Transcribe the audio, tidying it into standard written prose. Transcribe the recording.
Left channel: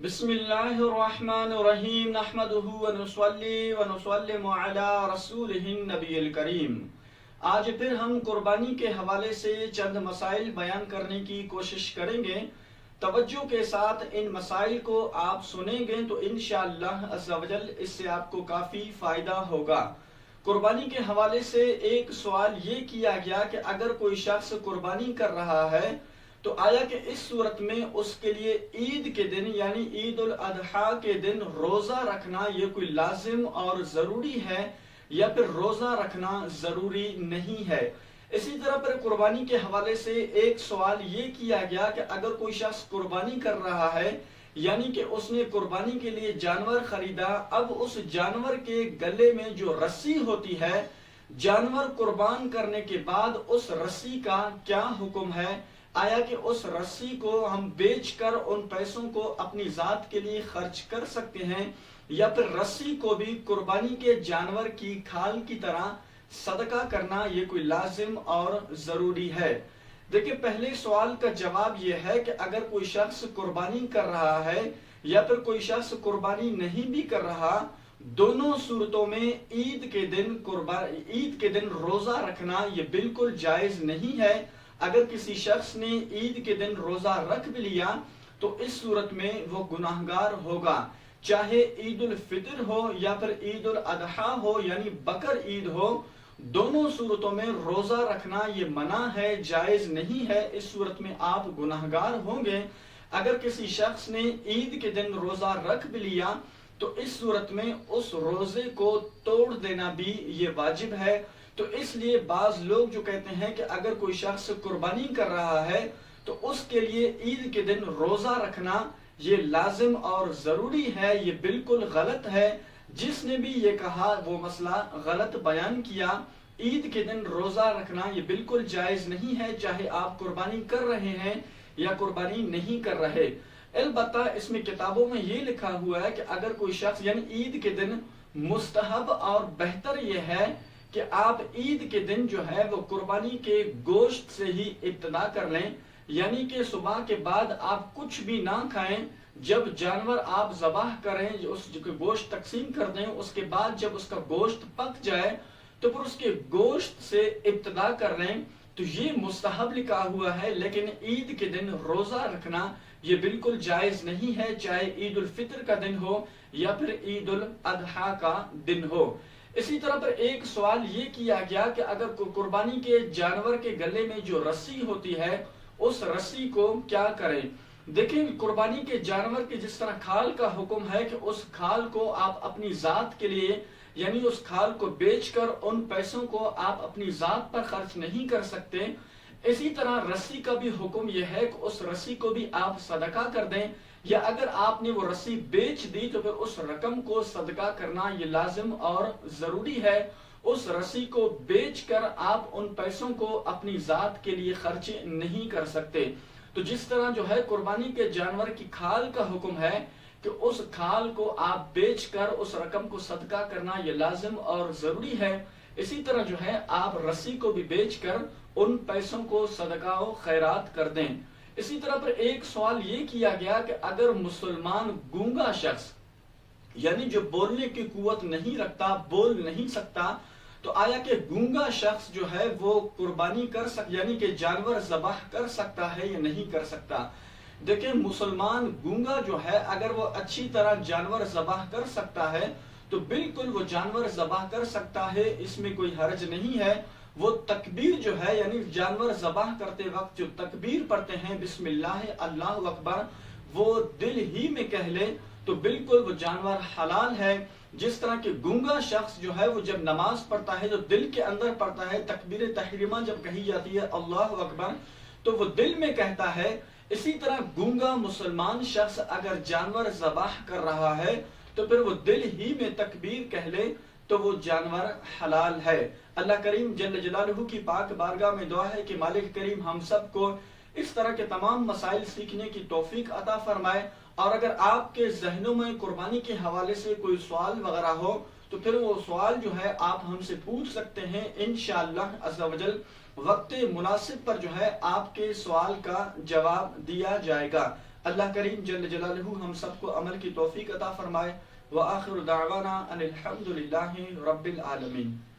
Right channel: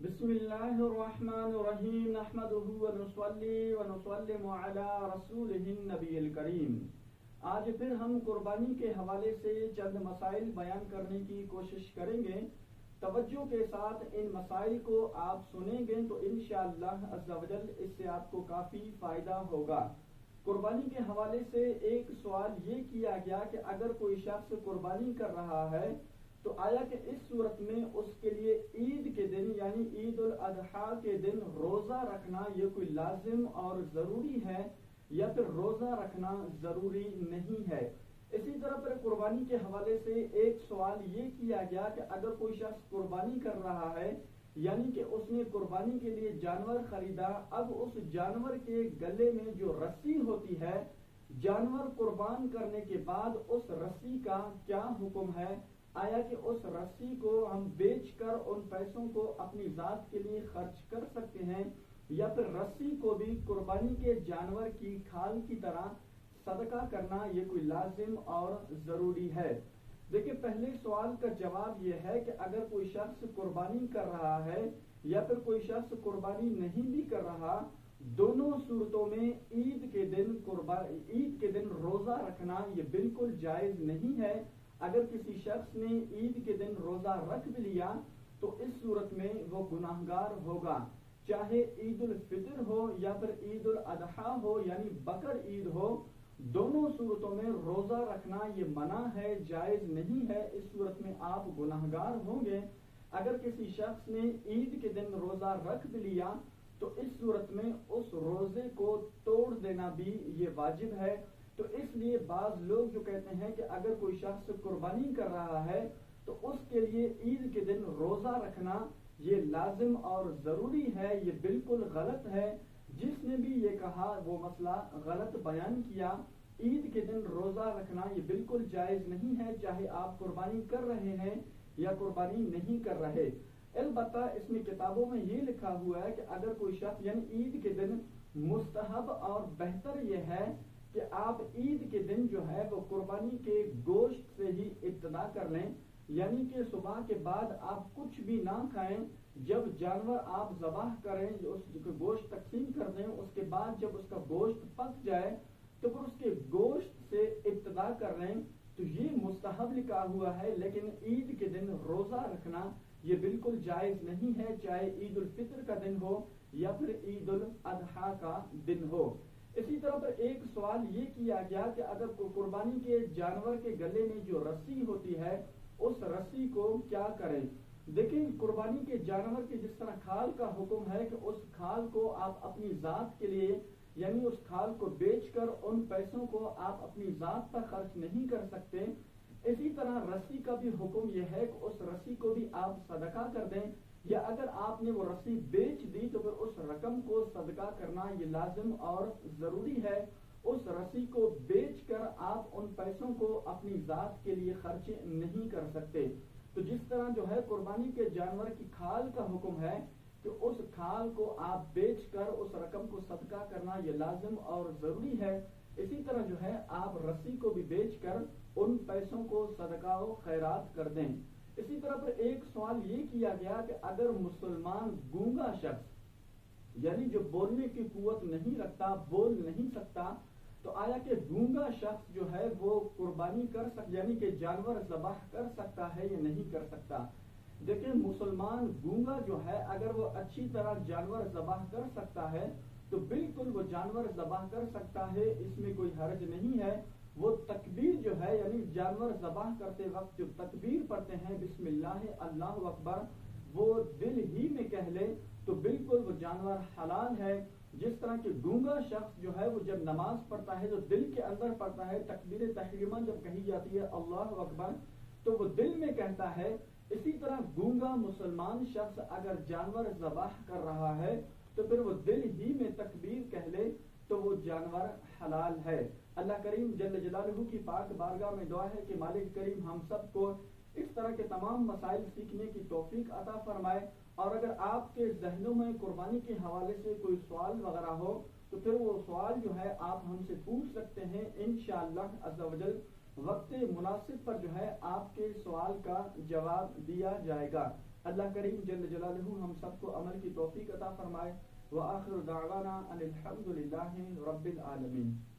بسم اللہ الرحمن الرحیم نحمدہ ونصلی ونسلم علی رسولہ النبی الکریم۔ آج پھر ہم قربانی کے حوالے سے چند مسائل بیان کرنے کی کوشش کریں گے۔ توجہ کے ساتھ ان مسائل کو آپ سنیں گے تو انشاءاللہ عز و جل اس سے آپ کو کافی فائدہ ہوگا۔ قربانی کے حوالے سے ایک سوال یہ کیا گیا کہ اگر کوئی شخص قربانی کر رہا ہے تو آیا کہ اس صورت میں اس کے لیے عید کے دن یعنی عید الاضحیٰ کے دن روزہ رکھنا یہ کوئی لازم اور ضروری ہے یا پھر روزہ رکھنا ضروری نہیں ہے۔ اسی طرح پر قربانی کے حوالے سے ایک سوال یہ کیا گیا کہ اگر کوئی شخص قربانی کر رہا ہے یعنی کہ اس نے قربانی کے لیے جانور خریدا، اب اس جانور کے گلے میں جو رسی ہوتی ہے جانور قربان کرنے کے بعد اس رسی کا کیا حکم ہے؟ آیا کہ اس رسی کو ہم بیچ کر ان پیسوں کو اپنی ذات کے لیے خرچ کر سکتے ہیں یا پھر رسی کو بھی قربانی کے جانور کی کھال کی طرح صدقہ کرنا یہ کوئی لازم اور ضروری ہے؟ دیکھیں، پہلے سوال کا جواب یہ ہے کہ اگر کوئی شخص قربانی کر رہا ہے یا پھر کوئی شخص قربانی نہیں بھی کر رہا، دونوں صورتوں میں عید کے دن روزہ رکھنا یہ بالکل جائز نہیں ہے۔ اگر کسی شخص نے عید کے دن روزہ رکھ بھی لیا تو اس صورت میں وہ گناہگار ہوگا، چاہے عید الفطر ہو یا پھر عید الاضحیٰ ہو یعنی بقر عید ہو، دونوں صورتوں میں روزہ رکھنا یہ منع ہے، جائز نہیں ہے۔ اس صورت میں آپ گناہگار ہوں گے۔ اگر کسی شخص نے عید کے دن روزہ رکھ بھی لیا تو اس صورت میں اس روزے کو توڑ دینا بھی یہ واجب ہے۔ تو اس لیے بعض لوگ جو کہتے ہیں کہ اگر کوئی شخص قربانی کر رہا ہے تو اس کے لیے عید کے دن روزہ رکھنا یہ لازم اور ضروری ہے، یہ بالکل غلط ہے۔ جس نے بھی یہ کہا وہ مسئلہ غلط بیان کیا۔ عید کے دن روزہ رکھنا یہ بالکل جائز نہیں ہے، چاہے آپ قربانی کر رہے ہیں یا قربانی نہیں کر رہے۔ البتہ اس میں کتابوں میں یہ لکھا ہوا ہے کہ اگر کوئی شخص یعنی عید کے دن مستحب اور بہتر یہ ہے کہ آپ عید کے دن جو ہے وہ قربانی کے گوشت سے ہی ابتدا کر لیں، یعنی کہ صبح کے بعد آپ کچھ بھی نہ کھائیں، جب جانور آپ ذبح کریں اس گوشت تقسیم کر دیں، اس کے بعد جب اس کا گوشت پک جائے تو پھر اس کے گوشت سے ابتدا کر لیں، تو یہ مستحب لکھا ہوا ہے۔ لیکن عید کے دن روزہ رکھنا یہ بالکل جائز نہیں ہے، چاہے عید الفطر کا دن ہو یا پھر عید الاضحیٰ کا دن ہو۔ اسی طرح پر ایک سوال یہ کیا گیا کہ اگر قربانی کے جانور کے گلے میں جو رسی ہوتی ہے اس رسی کو کیا کریں؟ دیکھیں، قربانی کے جانور کے جس طرح کھال کا حکم ہے کہ اس کھال کو آپ اپنی ذات کے لیے یعنی اس کھال کو بیچ کر ان پیسوں کو آپ اپنی ذات پر خرچ نہیں کر سکتے، اسی طرح رسی کا بھی حکم یہ ہے کہ اس رسی کو بھی آپ صدقہ کر دیں، یا اگر آپ نے وہ رسی بیچ دی تو پھر اس رقم کو صدقہ کرنا یہ لازم اور ضروری ہے۔ اس رسی کو بیچ کر آپ ان پیسوں کو اپنی ذات کے لیے خرچ نہیں کر سکتے۔ تو جس طرح جو ہے قربانی کے جانور کی کھال کا حکم ہے کہ اس کھال کو آپ بیچ کر اس رقم کو صدقہ کرنا یہ لازم اور ضروری ہے، اسی طرح جو ہے آپ رسی کو بھی بیچ کر ان پیسوں کو صدقہ و خیرات کر دیں۔ اسی طرح پر ایک سوال یہ کیا گیا کہ اگر مسلمان گونگا شخص یعنی جو بولنے کی قوت نہیں رکھتا، بول نہیں سکتا، تو آیا کہ گونگا شخص جو ہے وہ قربانی کر یعنی کہ جانور ذبح کر سکتا ہے یا نہیں کر سکتا؟ دیکھیں، مسلمان گونگا جو ہے اگر وہ اچھی طرح جانور ذبح کر سکتا ہے تو بالکل وہ جانور ذبح کر سکتا ہے، اس میں کوئی حرج نہیں ہے۔ وہ تکبیر جو ہے یعنی جانور ذبح کرتے وقت جو تکبیر پڑھتے ہیں بسم اللہ اللہ اکبر، وہ دل ہی میں کہہ لے تو بالکل وہ جانور حلال ہے۔ جس طرح کہ گونگا شخص جو ہے وہ جب نماز پڑھتا ہے جو دل کے اندر پڑھتا ہے، تکبیر تحریمہ جب کہی جاتی ہے اللہ اکبر تو وہ دل میں کہتا ہے، اسی طرح گونگا مسلمان شخص اگر جانور ذبح کر رہا ہے تو پھر وہ دل ہی میں تکبیر کہہ لے تو وہ جانور حلال ہے۔ اللہ کریم جل جلالہ کی پاک بارگاہ میں دعا ہے کہ مالک کریم ہم سب کو اس طرح کے تمام مسائل سیکھنے کی توفیق عطا فرمائے، اور اگر آپ کے ذہنوں میں قربانی کے حوالے سے کوئی سوال وغیرہ ہو تو پھر وہ سوال جو ہے آپ ہم سے پوچھ سکتے ہیں، انشاءاللہ عز و جل وقت مناسب پر جو ہے آپ کے سوال کا جواب دیا جائے گا۔ اللہ کریم جل جلالہ ہم سب کو عمل کی توفیق عطا فرمائے۔ وآخر دعوانا ان الحمد للہ رب العالمین۔